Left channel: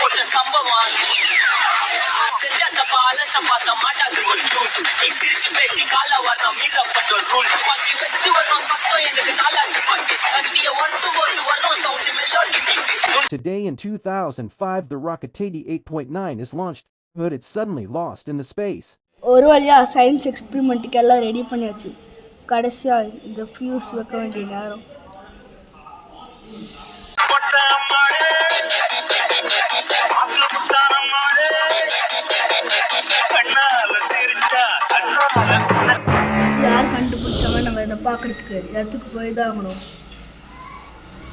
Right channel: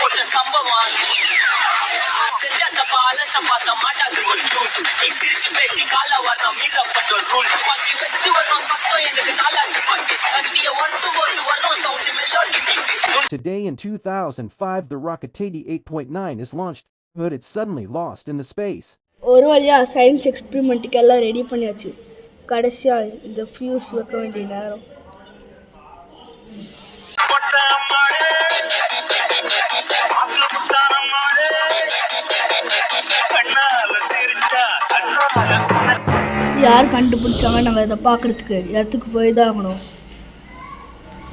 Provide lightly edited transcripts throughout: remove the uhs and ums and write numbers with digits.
போட்ட சம்பவம் செஞ்ச தப்பால சம்பாத்த மாட்டாது ஒரு நியூஸ் பிரிச்சு பேசி கால வரணும் மீறப்பட்ட ஒரு ரூல் பாக்கி வச்சு வரும் சத்தம் எனக்கு நாளாச்சு பாக்கி கத்திய வருஷம் போது வரும் sound melody beat. Today in 2005, the Rocketady 8.9 is launched, but it's suddenly lost in the space. ஒரு வழியாக சயின்ஸ் எக்ஸ்பிரிமெண்ட்டுக்கு எல்லாம் ரெடி பண்ணியாச்சு. கடைசியாக இந்த ஃபியூஸ் வைக்க வேண்டிய நேரம். யார் கண்டுபிடிச்சாங்க நம்ம இதை பார்க்குறதுக்கு இடத்துக்கு போய் தான் ஆகணும்.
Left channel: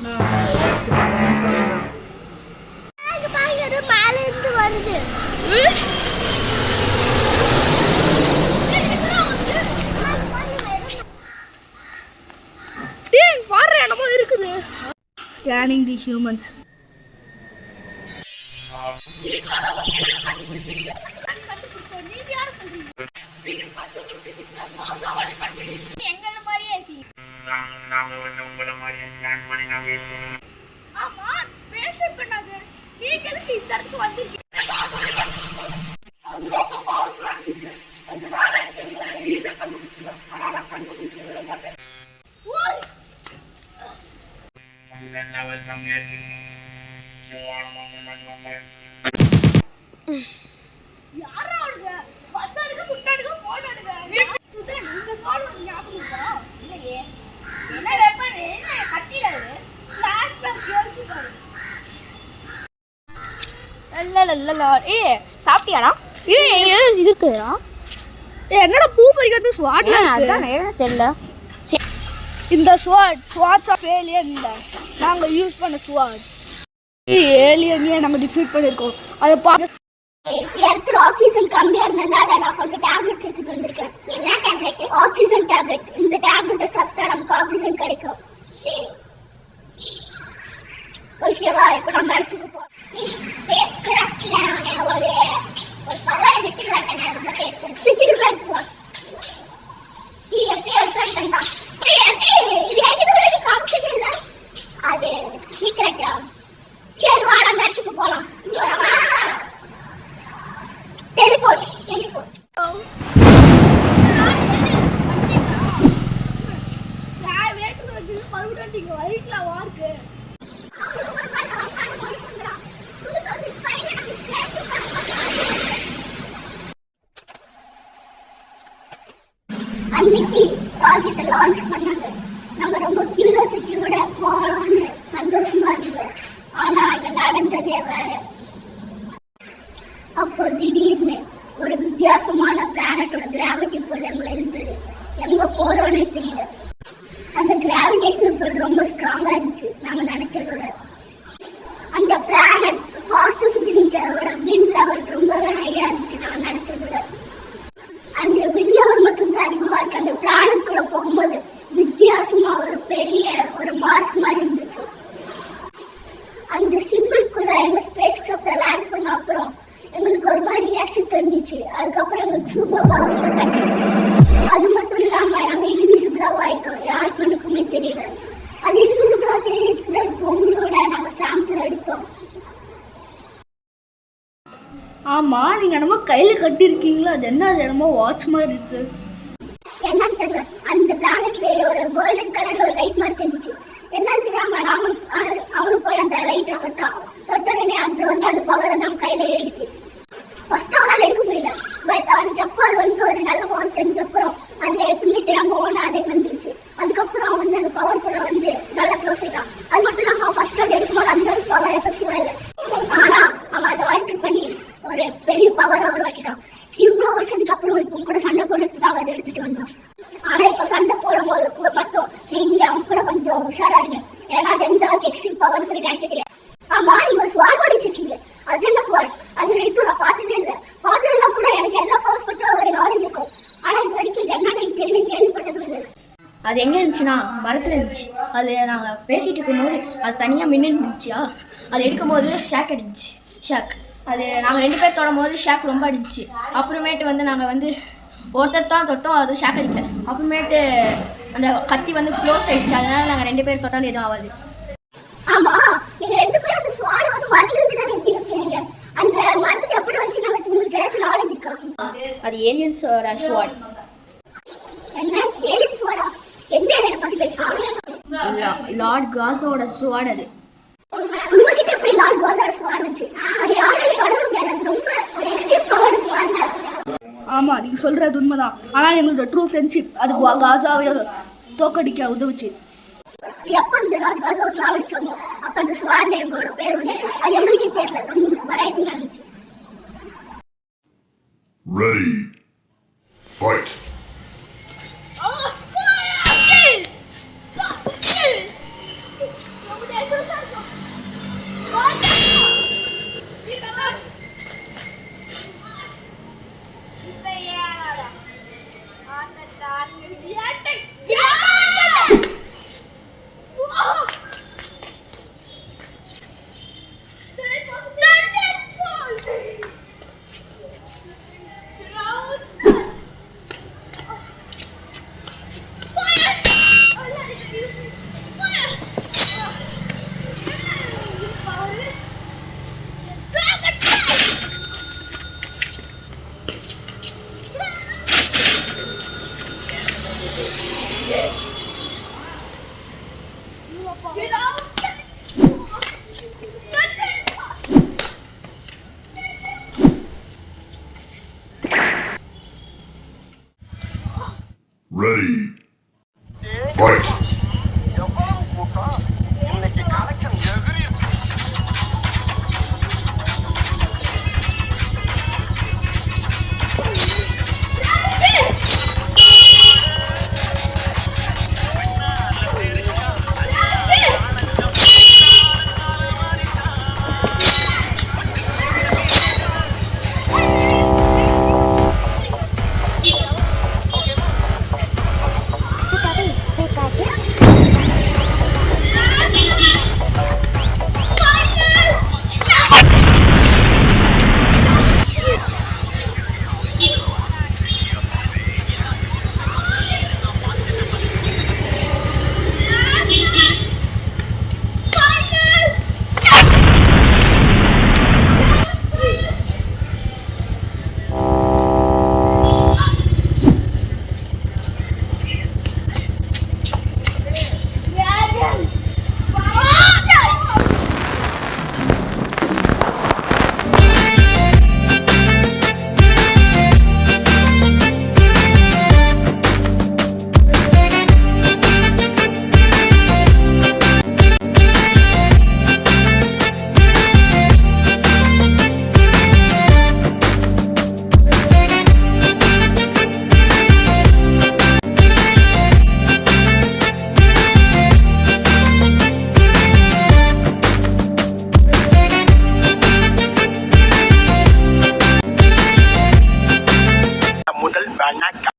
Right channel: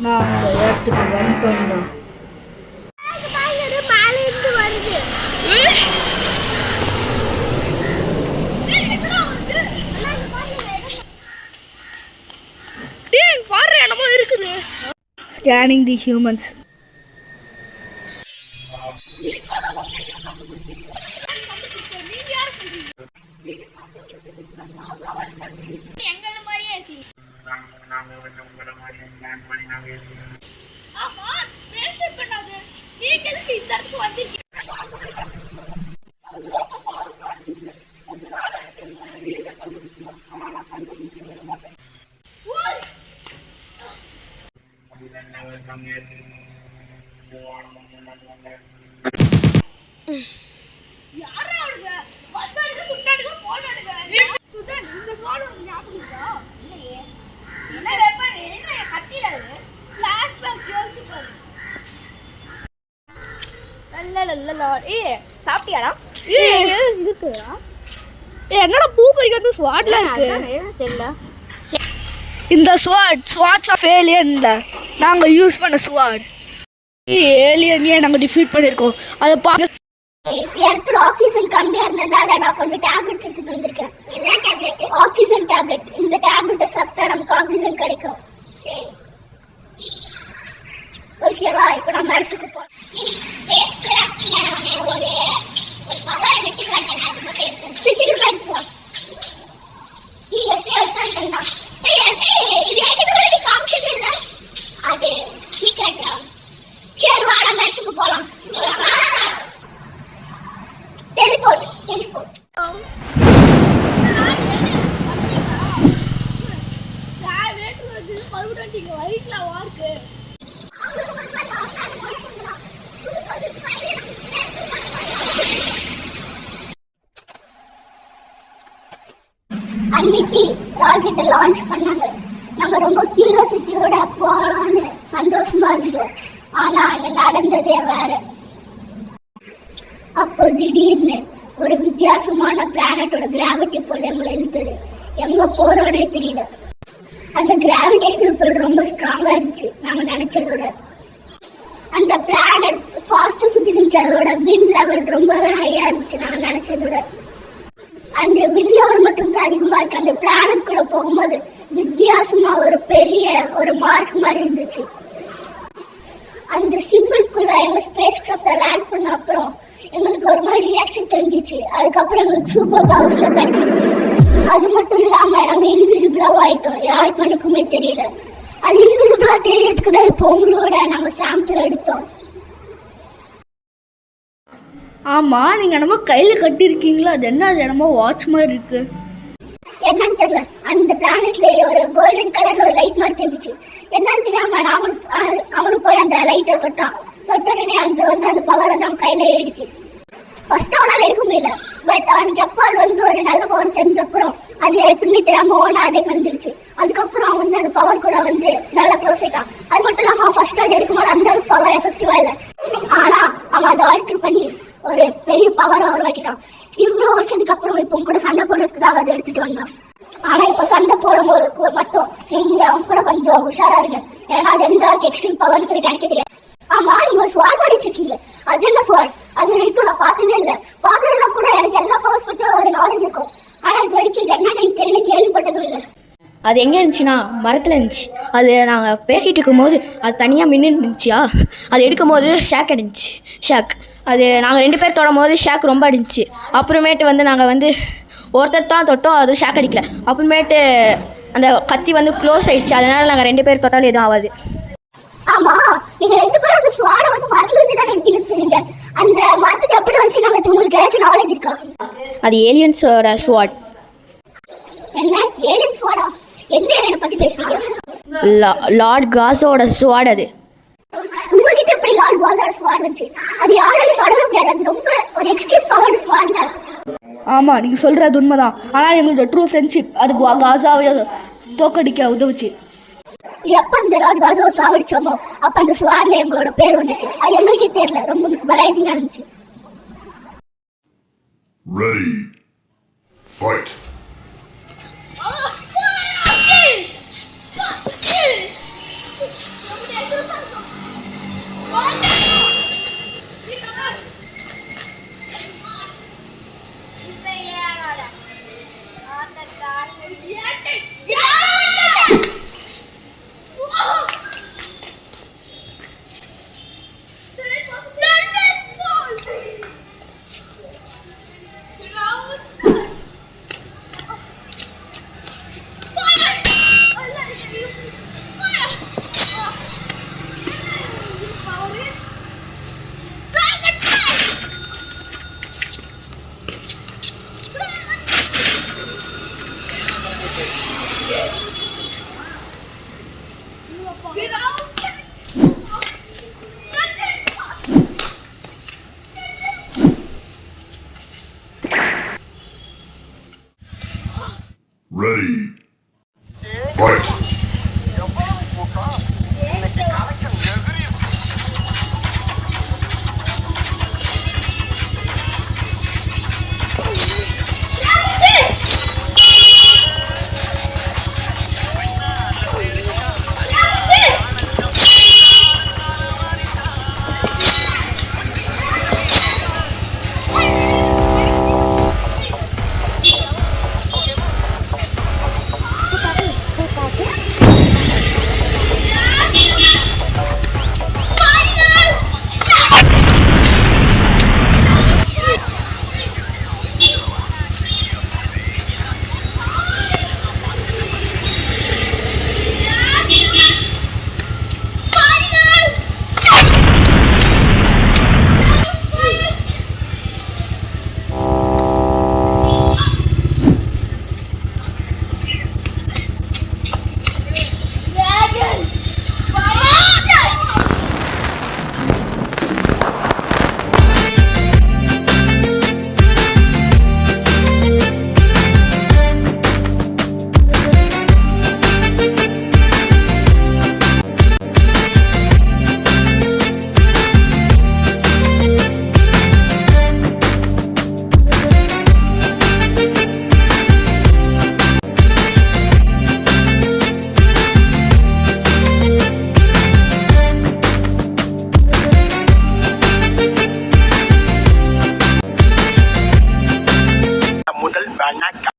நான் இடத்துக்கு வந்துட்டோம்டா. Scanning the humans. என்னடா பூ பறிக்கிறது ஸ்வாட்ல இருக்கு தெரியல. இந்த ஸ்வாட்ஸ் ஆஃப் ஏலியன் நாங்க யூஸ் பண்ண ஸ்வாட் ஏலியனையே நாங்க டிஃபீட் பண்ணிருக்கோம். அதை பார்க்க ஆக்சிஜன் கம்மியா இருந்ததுனால நான் கொஞ்சம் டேப்லெட் எடுத்துட்டு வந்திருக்கேன். என்ன டேப்லெட்? Oxygen tablet. இந்த டேப்லெட்டை சாப்பிட்டா நமக்கு ஆக்சிஜன் கிடைக்கும். சரி ஓகேவா? இப்போ நம்ம இடத்துக்கு போறோம். ஸ்பேஸ் கிராஃப்ட்ல ஒரு பவர் வெட்டி காட்டேன். அதை பத்தி எடுத்து பிசிக்கல் எடுத்துக்கலாம். இது எப்படி எடுத்துட்டா காமிச்சது இல்லை. அது சீக்கிரம் சரி வா நம்ம இடத்துக்கு போகலாம். அன்னைக்கு ராக்கெட்டை லான்ச் பண்ணாங்க. நம்ம ரொம்ப கியூரியாசிட்டியோட போறோம்னு சந்தோஷமா இருந்தோம். ஆனா அங்க நடந்ததே வேற. அப்போ திடீர்னு ஒரு வித்தியாசமான பிளானட்டோட கிராவிட்டி புல் எங்களை இழுத்தது. எங்க போறோன்னே தெரியல. அந்த கிராவிடேஷனல் புல் ரொம்ப ஸ்ட்ராங்கா இருந்துச்சு நாம நினைச்சதோட. அந்த பிளானட் ஃபாஸ்டா சுத்தி இருந்துச்சு. அதோட விண்ட் லெவல் ரொம்பவே ஹையா இருந்துச்சு நாம நினைச்சதோட. அந்த விண்ட் லெவல் மட்டும் தான் அதிகமா இருக்கு. அந்த பிளானட் கூட போகும்போது வித்தியாசமா ஒரு பெரிய ஒரு மார்க் மாதிரி இருந்துச்சு. அந்த சிம்பிள்குள்ள எங்க ஸ்பேஸ் கிராஃப்ட்ல லேண்ட் பண்ண அப்புறம் எங்களுக்கு ஒரு மாதிரி ரியாக்ஷன் தெரிஞ்சிச்சு. அதுக்கப்புறம் எங்களுக்கு சூப்பர் பவர்ஸ்ல கிடைச்சிருச்சு. அது மட்டும் இல்லாம நாங்க இன்விசிபிளா ஆயிட்டோம். யாரு கணக்குமே தெரியல. அது இன்விசிபிளா தெரியறதுக்கு தான் இப்போ உங்களோட நாங்க சாம்பிள் எடுத்தோம். ஆமா, நீங்க என்னமோ கையில கட்டிருக்கீங்களா? அது என்ன? அது என்னமோ வாட்ச் மாதிரி இருக்கு. என்னன்னு தெரியல. அந்த பிளானட்ல ஒரு கோல்டன் கலர்ல ஒரு லைட் மாதிரி தெரிஞ்சிச்சு. என்னன்னு தெரியாம அவனுக்கு போய் அந்த லைட்டை தொட்டோடனே அந்த வந்து அந்த பவர் வந்து கையில ஏறிடுச்சு. ஃபர்ஸ்ட் அவனால எடுக்க முடியல. பட் அவனுக்கு எப்போ அது வந்து ஒரு நல்ல பவர் தெரிஞ்சப்புறம் அது எப்படின்னு தெரியாம ஓனா அதே வந்துருச்சு. அதுக்கப்புறம் அவன் வந்து அந்த பவர் கூட வந்து நல்லா க்ளோஸ் ஆயிட்டான். அது மட்டும் இல்லாம அவன் ஃபர்ஸ்ட் அது எடுக்கும்போது அந்த அளவுக்கு பவர் எஃபெக்டிவா இல்லை. ஆனா அவன் அதை ஆல்டர் பண்ணி ஒரு பெரிய பவரை உருவாக்கிட்டான். இவ்வளவு வருஷத்துக்கு அப்புறம் இப்போ கூட சண்டை போடுறதுக்கு தான் அதை எடுத்துட்டு வந்தான். ஆனா இப்ப சண்டை போடும்போது மட்டும் நீங்க அவன் கூட கொஞ்சம் உஷாரா இருக்கு. ஏன்னா அது எந்த அளவுக்கு எக்ஸ்ட்ரீம் பவர்னு சொல்லி எனக்கு தெரியாது. ஆமா, நீங்க ஸ்வாட் படிச்சிருக்கீங்க. அது என்ன ஸ்வாட்? அது இப்போ நான் பார்த்ததே இல்லை. பார்த்ததுல கூட எனக்கு எல்லா பவர்ஸ் பத்தி ஒரு நாலேஜ் இருக்கும். ஆனா இது வரைக்கும் இது என்னன்னு தெரியல, கேள்விப்பட்டதும் இல்லை. அது எங்கே இருந்துச்சுன்னா மரத்தில் இருந்துச்சு. அது நாங்கள் பேசிகிட்டு இருக்கும்போது அது தனியாக மின்னு இருந்துச்சா, அது எடுக்கும் போது ஷாக் அடிஞ்சிச்சு. ஷாக் அது நாங்கள் 2 பேர் தொடும் போது ஷாக் ரொம்ப அடிஞ்சிச்சு. அப்புறமேட்டு வந்து நாங்கள் வந்து ஒருத்தர் தான் தொட்டோம், அது ஷாக் அடிக்கல. அப்புறமேட்டு அந்த கத்தி வந்து க்ளோஸ் ஆயிடுச்சு. அதனால் நாங்கள் 2 பேர் தொட்டாலும் எதுவும் ஆகாது. ஆமா, நீங்க 2 பேரும் அந்த ஸ்வாட வந்து மரத்துல இருந்து தான் எடுத்துக்கிச்சு. அது ஏலியன்ஸோட ஸ்வாட். என்ன ஏலியன் ஸ்வாடா? எந்த ஏலியனை பத்தி பேசுறீங்க? லார்ட் காஸோட ஸ்வாட் அது. உங்ககிட்ட எப்படி லார்ட் காஸோட ஸ்வாட் இருந்துச்சு? அது யாராலையும் தொடர முடியாது. அது ரொம்ப ஒரு எக்ஸ்ட்ரீம் பவர் ஸ்வாட். ஆமாம், நீங்கள் சொல்கிறது உண்மைதான். ஆனால் எங்களோட ட்ரூ ஃப்ரெண்ட்ஷிப் அது காசாவை தோக்கடிக்க உதவுச்சு. எப்ப அந்த லார்ட் காஸோ சாவடிச்சோமோ அப்ப அந்த ஸ்வாட்ல எங்களோட பேர் வந்துச்சு. அது எங்களுக்கே தெரியல. ரொம்ப சர்ப்ரைசிங்கா இருந்துச்சு. Ready. Fight. Ready.